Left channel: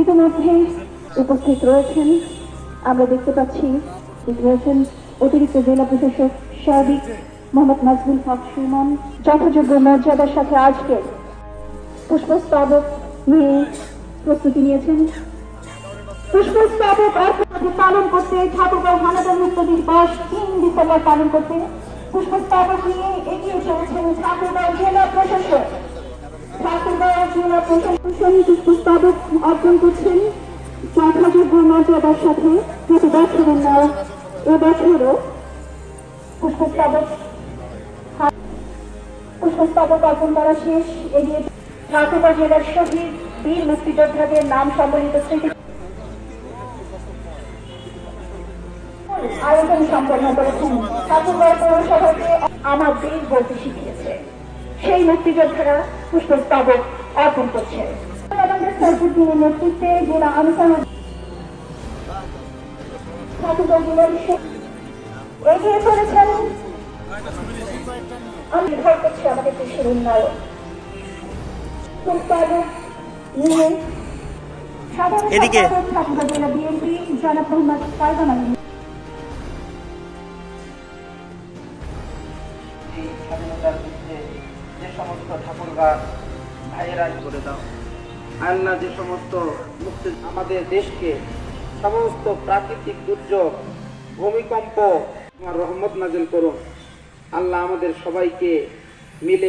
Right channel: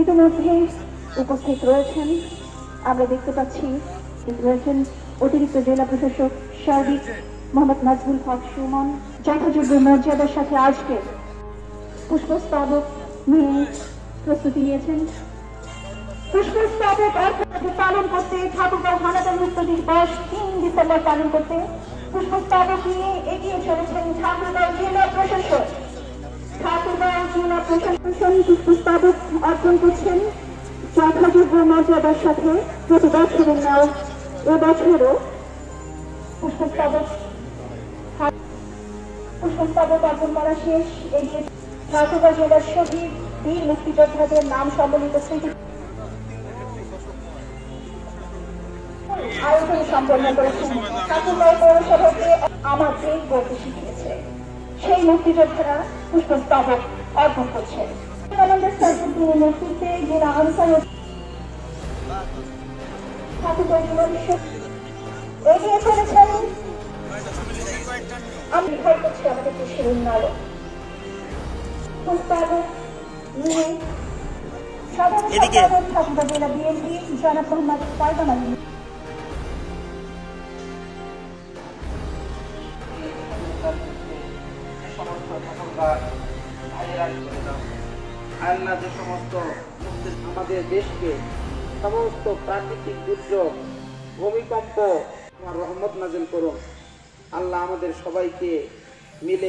ইতিমধ্যে উপস্থিত রয়েছেন, আমরা দেখতে পাচ্ছি রয়েছেন অতিরিক্ত জেলা প্রশাসক সাদিক মোহাম্মদ নাজমুল হক সুমন। যথাযোগ্য মর্যাদার সাথে আজকে পুষ্পস্তবক নিয়ে প্রস্তুতি নিয়েছেন। পুষ্পস্তবক অর্থনীতি পালন করতে ঠাকুরগাঁও হানাদার মুক্ত দিবস ৩ ডিসেম্বর পালন করতে পুষ্পস্তবক নিয়ে এগিয়ে চলেছেন ঠাকুরগাঁও জেলা প্রশাসক। ঠাকুরগাঁও জেলা প্রশাসন পুষ্পস্তবক অর্পণ করছেন যথাযোগ্য মর্যাদার সাথে। প্রতি বছরের ন্যায় এবছরও পুষ্পস্তবক অর্পণ করা শেষ। এগিয়ে ঠাকুরগাঁও জেলার শহীদ বীর মুক্তিযোদ্ধাদের নাম সম্বলিত স্মৃতি আয়োজন সম্পন্ন করেছেন। ঠাকুরগাঁও পৌরসভাকে আমার দেশ বলতে শিখিয়েছে, সেই মুক্তিযোদ্ধারা পুষ্পস্তবক অর্পণ করছেন। নেতৃত্বে জেলা আলোচনা ঠাকুরগাঁও জেলার এগিয়ে চলেছেন। আমি নির্ভর করছি আমাদের দেশের উন্নয়ন। পুষ্পস্তবক নিয়ে সাধারণ সম্পাদক ঠাকুরগাঁও জেলা বিএনপি জনাব মোহাম্মদ ফায়জান আলী। আল্লাহ যে সমস্ত আমাদের দেশকে সমস্ত প্রাকৃতিক দুর্যোগ, ভূমিকম্প রহমত নাজিল করুন। আল্লাহ আমাদের সবাইকে মিলে